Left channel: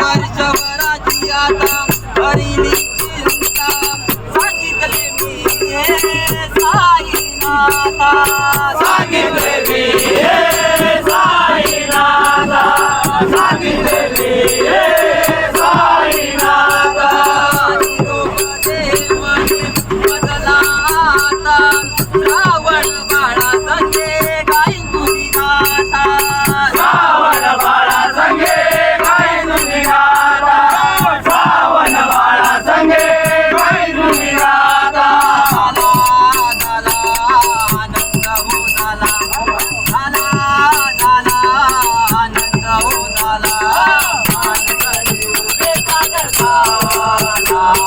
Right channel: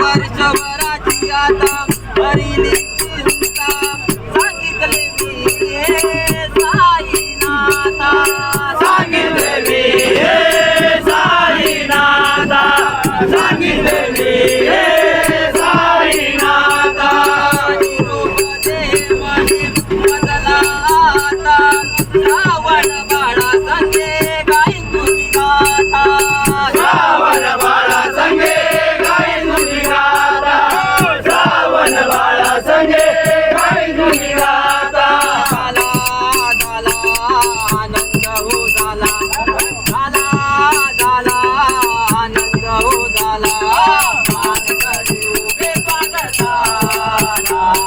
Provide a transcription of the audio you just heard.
वर्षभराची आता भरली चिंता सांगितले मी हे साईनाथा सांगितले मी हे साईनाथा सांगितले मी हे साईनाथा निरोप दे म्हणे बदला आता श्रावण बाळा संगे गाईन तुझी गाथा श्रावण बाळा संगे गाईन तुझी गाथा श्रावण बाळा संगे गाईन तुझी गाथा झाला आनंद हो झाला आनंद हो झाला मान करी उभे पागल झाला